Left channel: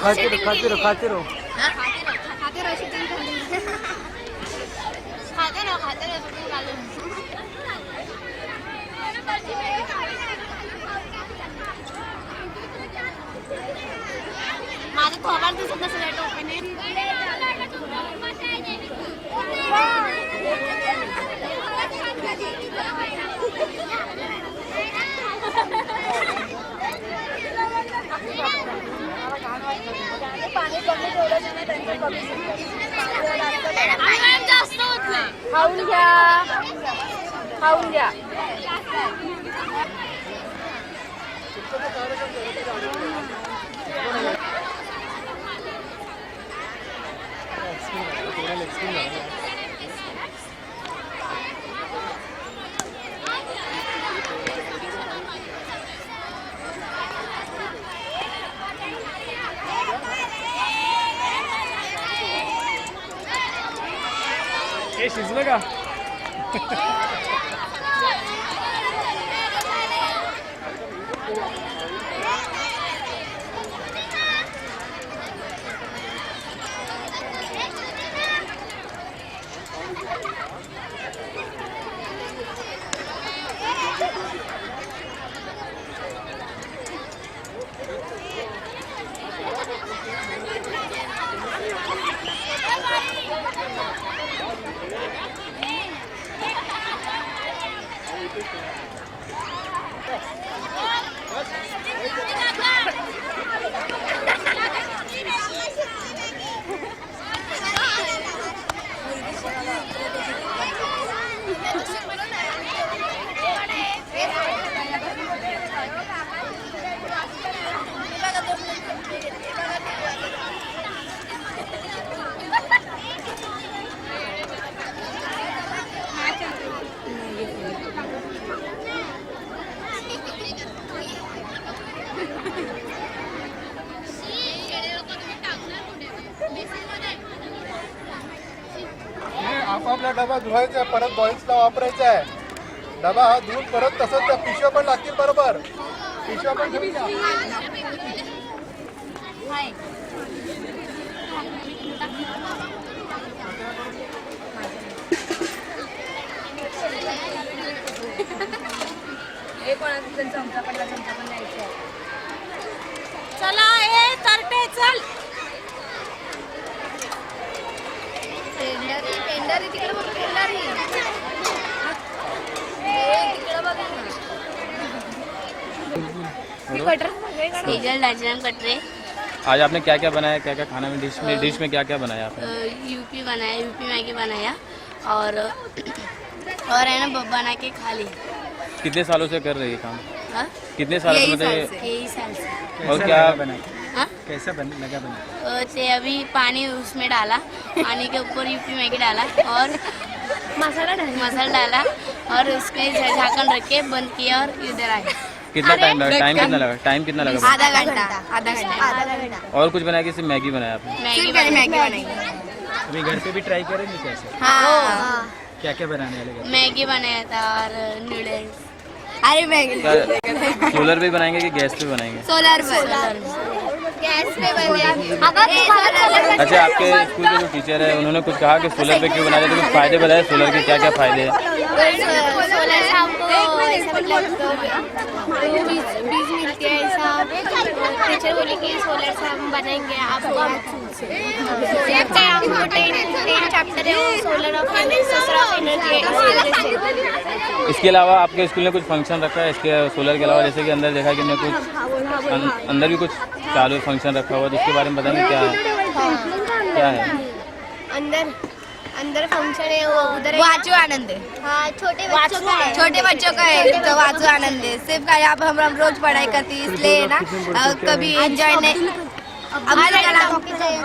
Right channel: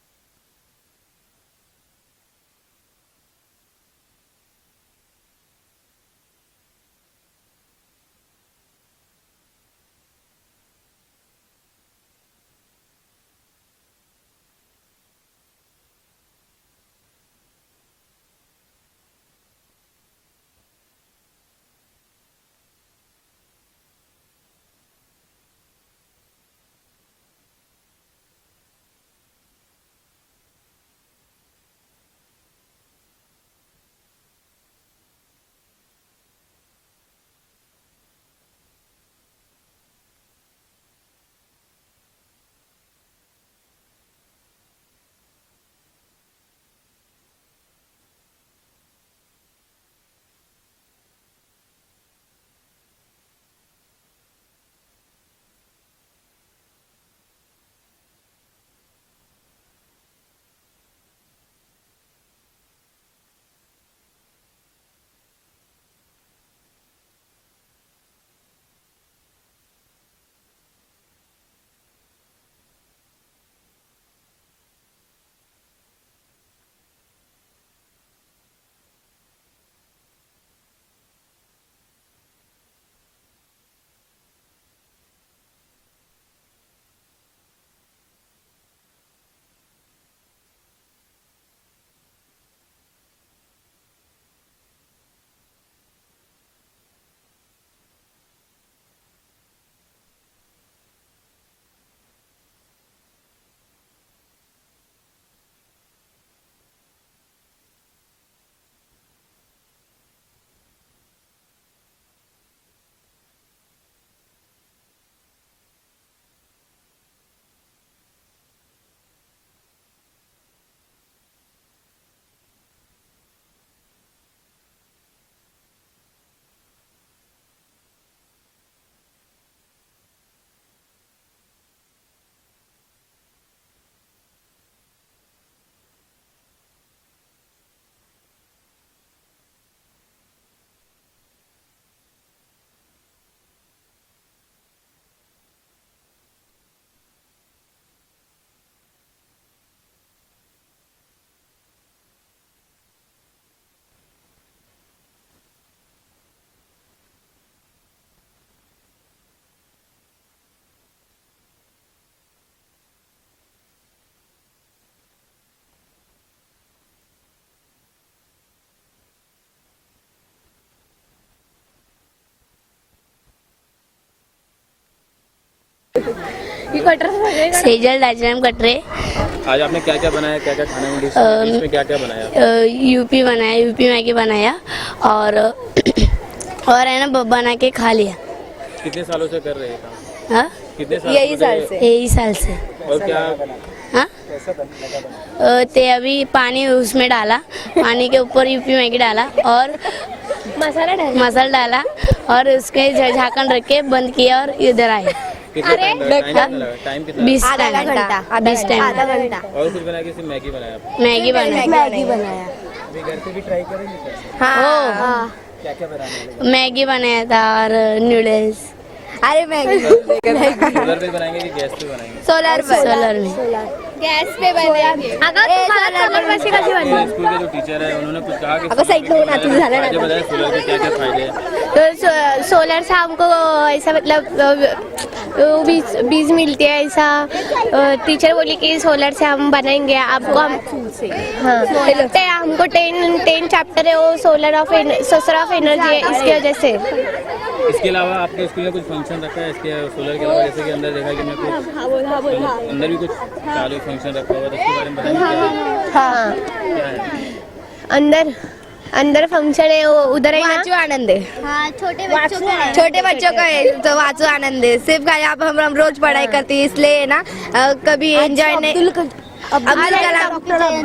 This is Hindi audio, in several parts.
खाते रहो खाते रहो खाते रहो। खाते रहो माझं थोबाड दिसत नसेल या टोपीने. खाऊन घ्या खाऊन घ्या. हे शिजलं का? आपापला डबा धुवायचा आहे, परत बॉईल्सला वापरायचा आहे. डबा हा धुवून परत तसंच त्या पिशव्या पण लागतील बरोबर. पिशव्या पण घेऊन जा. चला ए तरटे चल. टेंडर तिकडे बघ टेंडर सेजल राजाराम कटरे. आज आपने क्या क्या बनाया, क्या क्या खाना में डिश में क्या क्या बनाया? यूपी बनाया, यूपी मैगी बनाया और है ना बना के खा लिया. कितने सालों से कर रहे हैं काम? हाँ कितने साल? यही साल से. और क्या हाँ कैसे लगा बना? ते अभी पानी उसमें डाला, पानी के ऊपर यूपी मैगी डाला और मसाला डाला और उसके झाकन रख के बंद किया और इधर आए. कितना टाइम लगा? टाइम कितना लगा? 20 घंटा. और कुछ बनाया कि सिर्फ मैगी बनाया आपने? मैगी बनाया. अभी घर पे भी ट्राई करेंगे कैसे? हाँ क्या क्या बनाने लगे? मैगी बनाया था और नूडल्स. अरे मैगी सोलर पे बनाएंगे कि गैस पे बनाएंगे? सोलर में. गैस पे बने. अगर अच्छा, आपके स्कूल के जो टीचर है उन्होंने कुछ कहा कि सोलर पे क्यों बनाया? फायदे बताए सोलर के, क्या क्या फायदे हैं? सोलर से हमको ऐसा मतलब बीज मिलती है. ऐसा टीचर बोली कि सोलर से हम बनाएंगे आपको. हाँ लगता है हमको 10 चैप्टर है वो सोलर ऑफ एनर्जी है इसकी वजह से. इसके अलावा आपके स्कूल में कुछ फंक्शन रखा है इसके सोलर के अलावा? जैसे कि अंदर देखा कि मैं कुछ अंदर भी कुछ चालू फंक्शन रखा हुआ है, तो उसके बारे में बताइए क्या है? हाँ क्या है अंदर फंक्शन है वो उधर है. वाचो आनंद है. हाँ छोटे बच्चों का है तो वाचो आनंद है. सिर्फ आप हम रोज पढ़ाई करते हैं इसलिए ना कभी एंजॉय नहीं. अब्दुल कलाम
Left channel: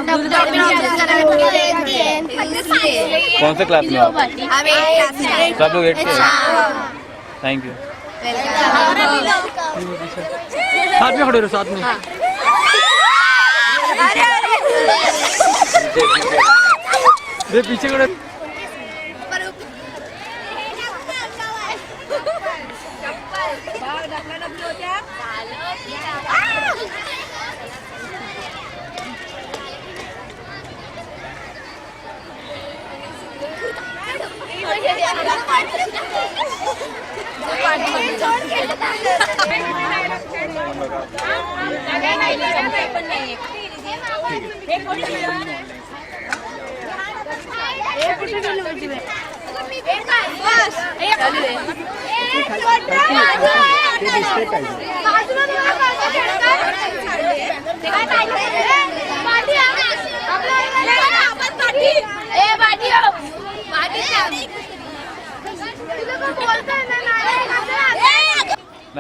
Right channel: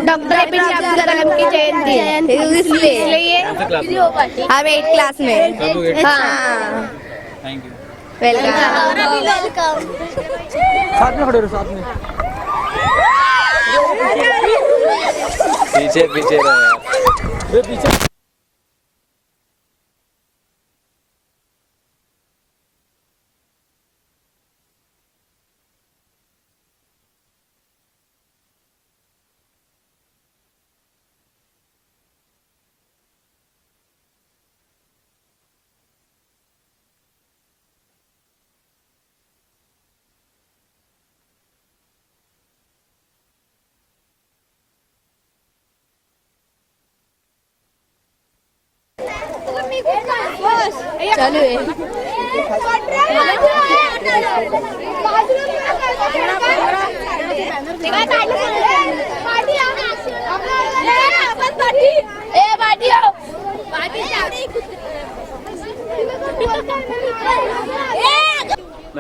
डॉक्टर अब्दुल कलाम की जयंती है इसलिए. कौन से क्लास में हो? हम 8 क्लास में. सब लोग 8 क्लास हाँ में. Thank you. वेलकम. साथ में खड़े रहो, साथ में. पीछे पीछे रहो. पीछे मैम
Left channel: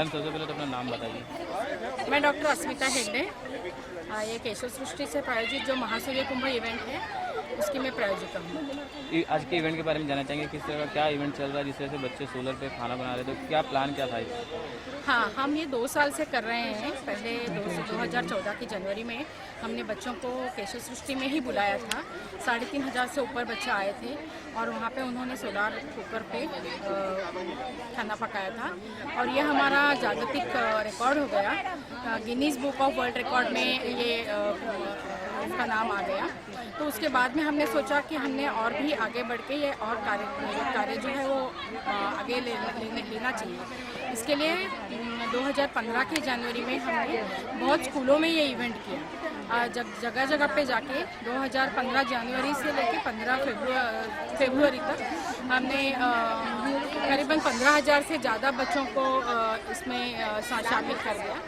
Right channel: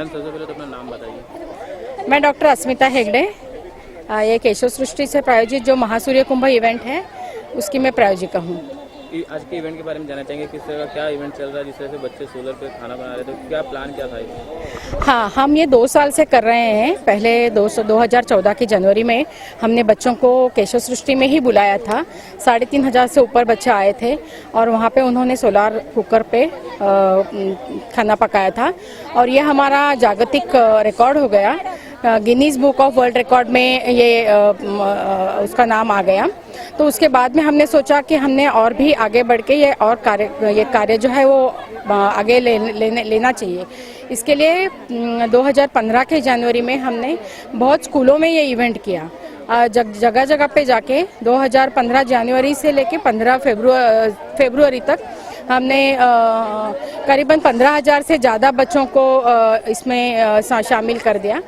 सबसे पहले तो अपना नाम बताइए। मैं डॉक्टर अस्मिता हेगड़े, ये केशव सृष्टि से प्रायोजित जो महासूर्य कुंभ इवेंट है उसकी मैं प्रायोजिका हूँ। आज के इवेंट के बारे में जानना चाहेंगे, किस तरह का क्या इवेंट चल रहा है, जिस तरह से बच्चे सोलर पे खाना बना रहे हैं, तो क्या प्लान क्या था इसमें? हाँ, हम ये 2 साल से कर रहे हैं। पहले 2014 की जनवरी में हमने बच्चों को केशव सृष्टि में ही बुलाया था। 3500 से ऊपर बच्चे आए थे और वहाँ पे उन्होंने सोलार कुकर पे खाना पकाया था और ये हमारा जागतिक रिकॉर्ड हो गया। Guinness book of world record में ये उसका नाम आ गया। तो उसके बाद में हमने सोचा कि हमने और भी आगे बढ़ के ये कार्य जो है वो आगे लेना चाहिए। इसके लिए 2015 के जनवरी में हमने बहुत स्कूलों में ये इवेंट किया। जगह जगह पे जाके 2015 जनवरी से लेके 15 फरवरी तक हमने करीबन 15,000 से ज़्यादा बच्चों को इसमें शामिल कर दिया।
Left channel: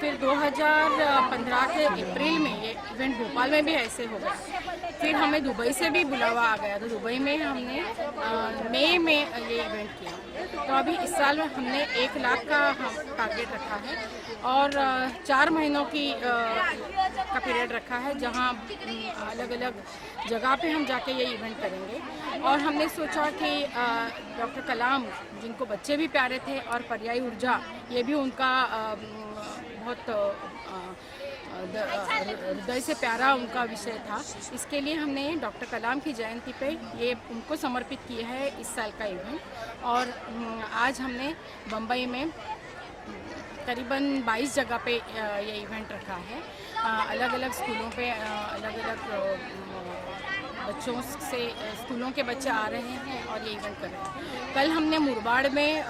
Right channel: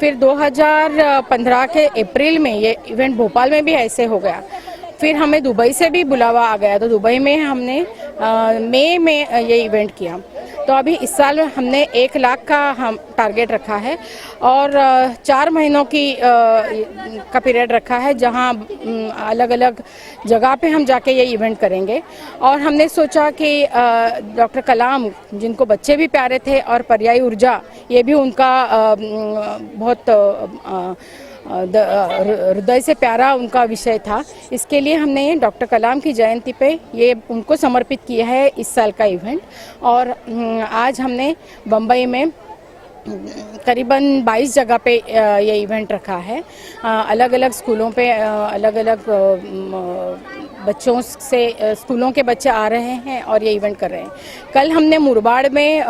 फिर 2015 के अप्रैल में ये इवेंट भोपाल में भी ऐसे हो गया। फिर हमें दुबई से भी बुलावा आ गया, तो दुबई में हमने मई में ये इवेंट किया। तो अभी इस साल हमने 1 लाख का हम टारगेट रखा है और 4 महीनों का पीरियड रखा है, जहां अलग अलग जगह पे हम जाके ये इवेंट करेंगे। और हमने सोचा कि डॉक्टर कलाम, जिनको बच्चे भी प्यारे थे, और पर्यायी ऊर्जा, ये भी उनका बहुत हृदय से प्यारा उनका विषय था। इसके लिए हमने डॉक्टर कलाम की जयंती पे ये उनको समर्पित किया है इस साल का इवेंट। और आज हमने बम्बई में करीबन 22 जगह पे ये इवेंट रखा है। अलग अलग स्कूलों पे अलग अलग बच्चों से स्कूलों के बच्चे आ रहे हैं और ये इवेंट कर रहे हैं। कल हमने मुरबाड़ में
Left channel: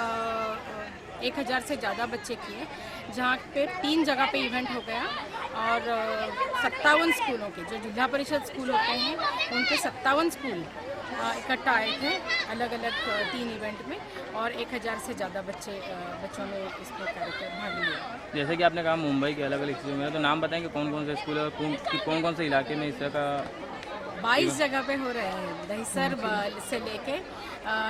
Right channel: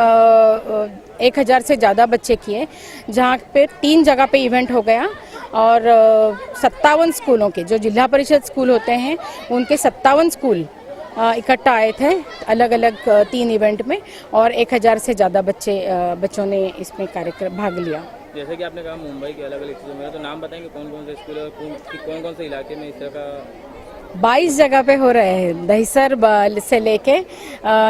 1000 से ज़्यादा बच्चे किए, जहाँ पे 3 जगह पे इवेंट हो गया। और 57 स्कूलों के, जो जिला परिषद स्कूल होते हैं, उनके 57 स्कूल इकट्ठा आए थे अलग अलग 3 इवेंट में, और 1000 से ज़्यादा बच्चों ने इसमें कार्यक्रम भाग लिया। जैसे कि आपने कहा मुंबई के अलग अलग स्कूलों में, तो नाम बताएंगे कौन कौन से स्कूल और कौन कौन से इलाके में इस तरह का 22 जगह पे हो रहे हैं। दहिसर से लेके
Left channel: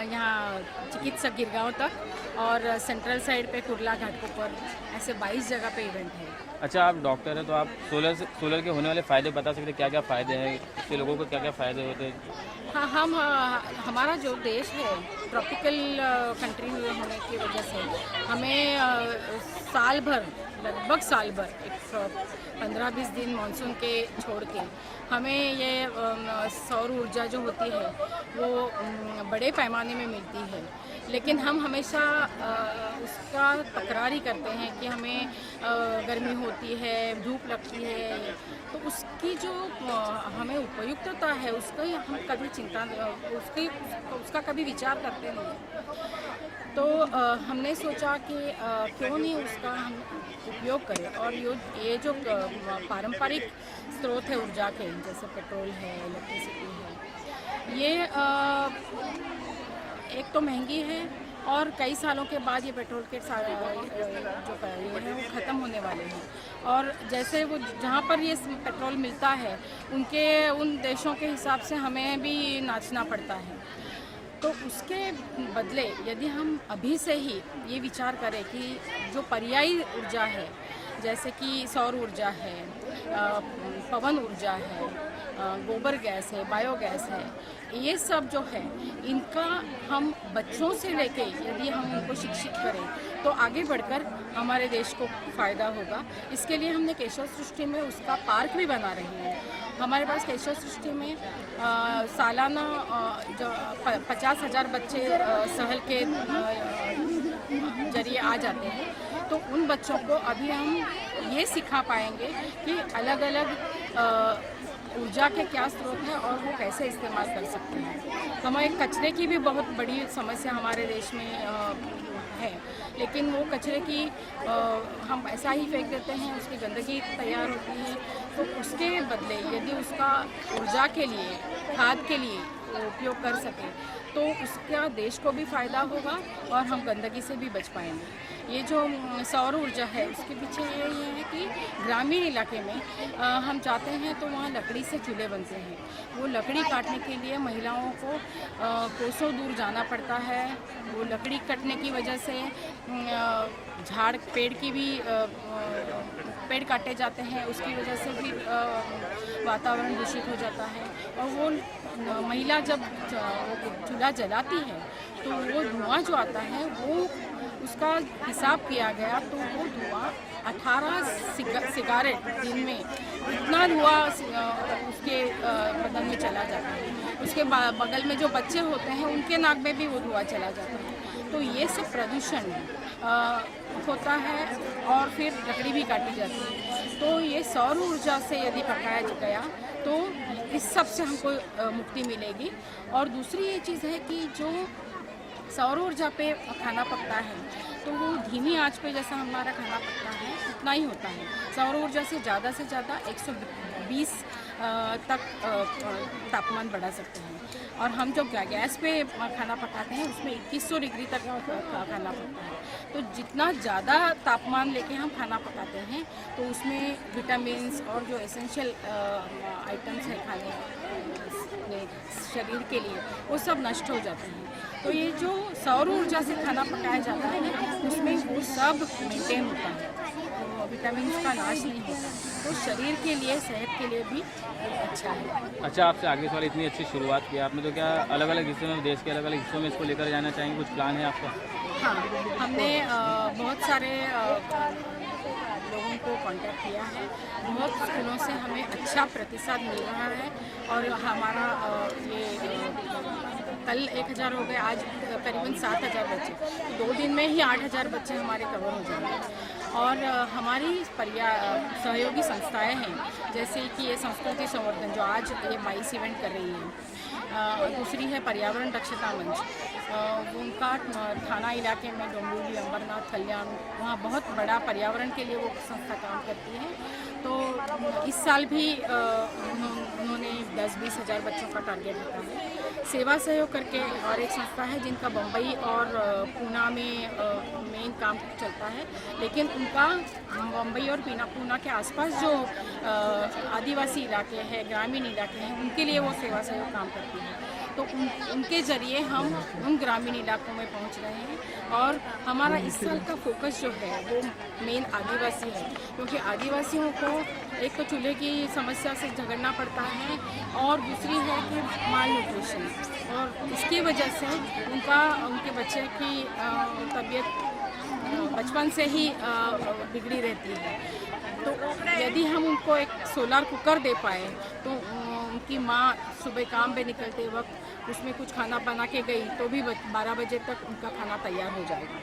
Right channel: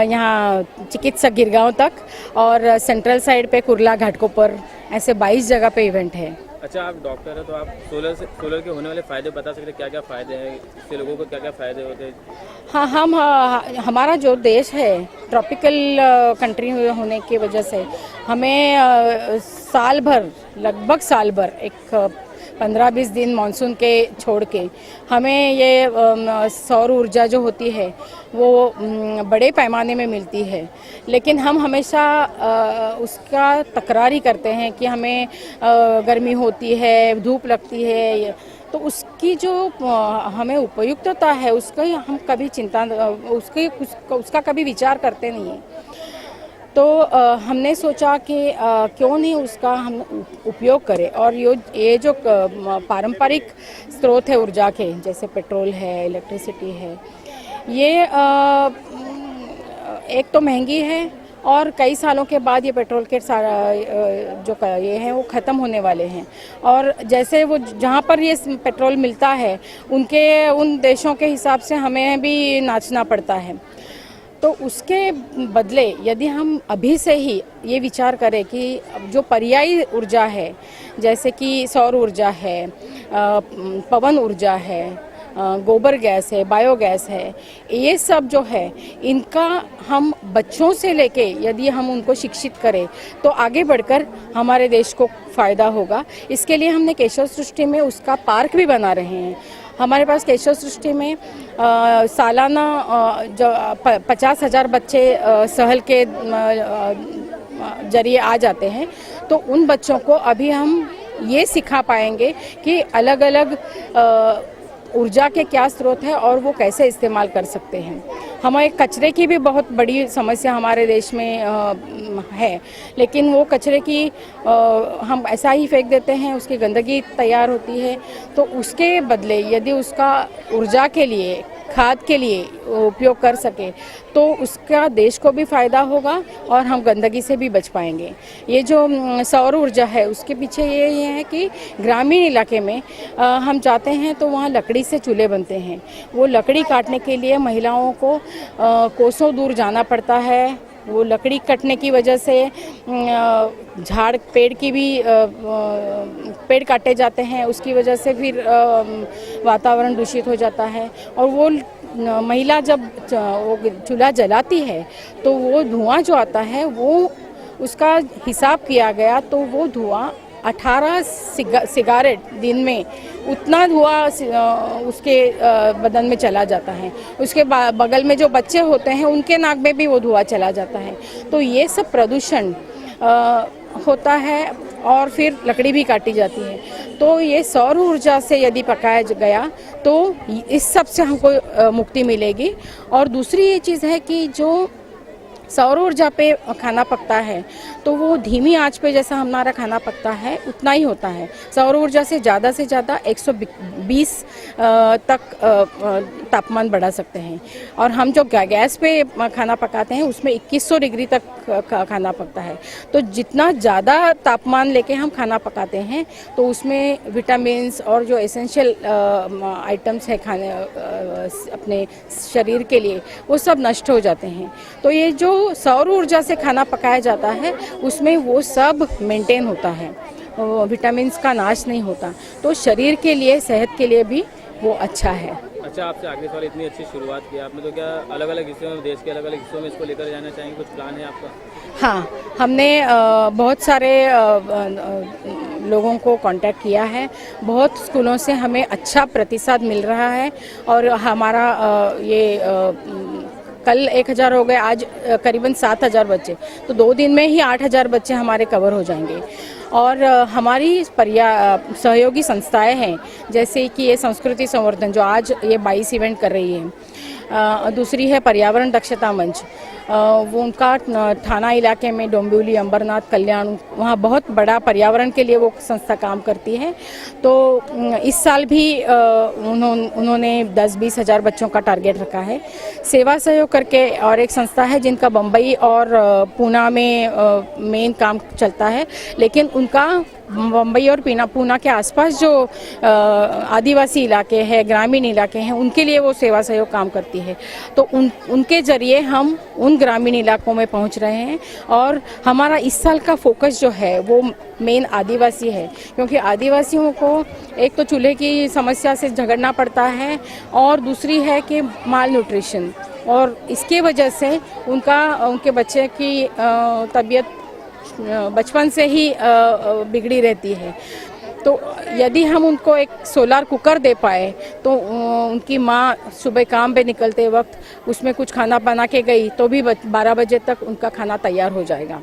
यहाँ चिकित्सक गिरगांव तक, और सेंट्रल साइड पे कुर्ला घाटकोपर, ऐसे 22 जगह पे इवेंट है। अच्छा, आप डॉक्टर हैं, तो आप सोलर के होने वाले फ़ायदे बता सकते हैं? क्या क्या फ़ायदे हैं इससे, लोगों को क्या क्या फ़ायदे होते हैं? हाँ, हमारा जो देश है ट्रॉपिकल कंट्री होने की वजह से हमें साल भर, लगभग साल भर, एक 15-20 दिन मानसून के छोड़ के, हमें ये सौर ऊर्जा जो होती है वो बड़े पैमाने में मिलती है। लेकिन हम हमेशा उसका तकरारी करते हैं कि हमें गर्मी होती है, धूप लगती है, तो उसकी जो हमें उपयुक्तता है उसका हम कभी उसका कभी विचार करते नहीं हैं। तो हमने सोचा कि क्यों नहीं उसका हम उपयोग करें। और ये जो पारंपरिक स्रोत है ऊर्जा के, जैसे पेट्रोल है, इलेक्ट्रिसिटी है, ये एक तो महंगी है, और कई सालों के बाद ये पेट्रोल के जो ये हैं वो ख़त्म होने वाले हैं। और जैसे वो जहाँ पर ये पेट्रोल मिलता है, उन देशों के हिसाब से हमें भी नाचना पड़ता है। तो उसके बदले यदि हम अभी से ही ये विचार करें कि जो पर्यायी ऊर्जा है, जैसे कि सौर ऊर्जा है, पवन ऊर्जा है, गोबर गैस है, बायोगैस है, ये सब जो है, इनका हम बच्चों से लेके यदि हम उनको शिक्षित करें तो आगे बढ़कर हमारे देश को फ़ायदा होगा। इसके लिए हमने केशव सृष्टि में उसका पार्क भी बना रहे हैं। हमारे पास केशव सृष्टि में सालाना जो 50,000 बच्चे सहल के जरिए आ जाते हैं, तो उन बच्चों को अभी हम ये सिखा पाएंगे कि अलग अलग ऊर्जा के क्या स्रोत है और वो कैसे इस्तेमाल कर सकते हैं। हमारे कचरे की भी बहुत बड़ी समस्या हमारे देश में है, लेकिन वो कचरे की हम ऐसा ही फेंक देते हैं, उसकी गंदगी तैयार होती है। तो उसके बदले यदि उसका ऊर्जा के लिए, खाद के लिए उपयोग कर सके तो उसका देश को भी फ़ायदा होगा और हम गंदगी से भी बच पाएंगे। ये जो सौर ऊर्जा है उसके पीछे ये है कि ग्रामीण इलाके में हम जाते हैं तो वहाँ लकड़ी से चूल्हे बनते हैं। वो लकड़ी काटने के लिए महिलाओं को कोसों दूर जाना पड़ता है। वो लकड़ी कटने की वजह से झाड़ पेड़ की भी पेड़ काटे जाते हैं, उसकी वजह से फिर वातावरण दूषित हो जाता है। और वो महिला जब वो चूल्हा जलाती है तो वो धुआं जो आता है वो उसका हिसाब किया गया तो वो धुआं 18 सिगारेट दिन में उतना धुआं उसके बदन में चला जाता है। उसके बगल में जो बच्चे होते हैं उनके नाक में भी वो धुआं चला जाता है। तो ये सब प्रदूषण होता है और फिर लकड़ी भी काटी जाती है। तो ये सौर ऊर्जा से यदि पकाया गया तो इस सब से हमको मुक्ति मिलेगी। और दूसरी ये चीज़ है कि जो सौर ऊर्जा पे खाना पकता है तो वो धीमी आंच पे जैसा हमारा खाना पकता है उतना ही होता है। सौर ऊर्जा से ज़्यादा 120 तक तापमान बढ़ा सकते हैं। और हम जो गैस पे खाना पकाते हैं उसमें 2100 डिग्री तक खाना पकता है। तो जितना ज़्यादा तापमान लेके हम खाना पकाते हैं तो उसमें विटामिन्स और जो एसेंशियल आइटम्स है खाने अपने शरीर के लिए वो सब नष्ट हो जाते हैं। तो ये जो सौर ऊर्जा से खाना पकाया जाता है उसमें वो सब मेंटेन होता है, विटामिन्स का नाश नहीं होता। तो शरीर के लिए, सेहत के लिए भी वो अच्छा है। अच्छा, आपसे आगे सवाल, इतनी अच्छी शुरुआत की आपने, तो क्या अलग अलग हिस्सों में, देश के अलग अलग हिस्सों में इसको लेकर जाना चाहेंगे? कुछ प्लान है आपका? हाँ, हमने बहुत सारे लोगों को कांटेक्ट किया है। बहुत स्कूलों से हमें अच्छा प्रतिसाद मिल रहा है और हमारा कल 1000 हो गए, आज करीबन 7000 बच्चे, तो 2 दिन में ही 8000 बच्चे हमारे कवर हो जाएंगे। और हमारी सहयोगी संस्थाएं हैं जैसे कि ये संस्कृति संवर्धन जो आज ये 22 इवेंट कर रही है। दूसरी है पर्यावरण दक्षता मंच, वो उनका थाना इलाके में डोंबिवली, अंबरनाथ, कल्याण, वहाँ बहुत बड़ा पर्यावरण के लिए वो संस्था काम करती है। तो इस साल भी उन्होंने 10-20 हज़ार बच्चों का टारगेट रखा है। सेवा सहयोग करके और एक संस्था है जिनका बम्बई और पूना में मेन काम चलता है, लेकिन उनका बम्बई और पूना के आसपास जो आदिवासी इलाके हैं, ग्रामीण इलाके हैं, उनके लिए वो सेवा सहयोग काम करती है। तो उनके ज़रिए हम उन ग्रामीण इलाकों में पहुंच रहे हैं। और हमारा इस साल का फोकस जो है वो मेन आदिवासी है, क्योंकि आदिवासियों को एक तो चूल्हे की समस्या से झगड़ना पड़ता है और दूसरी है कि माल न्यूट्रिशन, और इसके वजह से उनके बच्चे की तबीयत बचपन से ही बिगड़ी रहती है। तो यदि हम उनको एक सोलार कुकर दे पाए तो उनकी माँ सुबह काम पे निकलते वक्त उसमें कुछ खाना बना के गई तो भी 12 बजे तक उनका खाना तैयार हो जाएगा।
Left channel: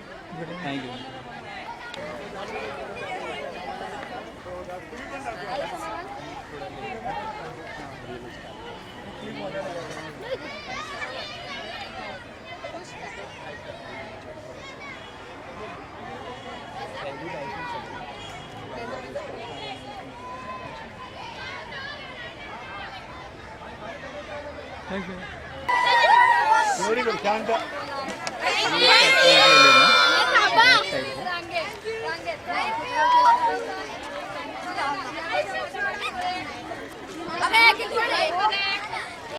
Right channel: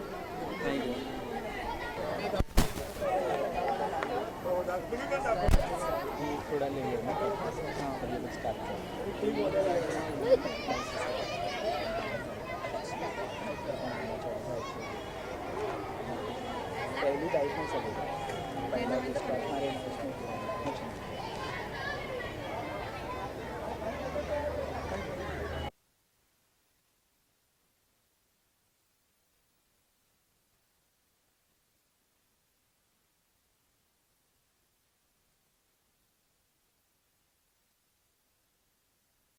वेरी गुड, शांत। अबे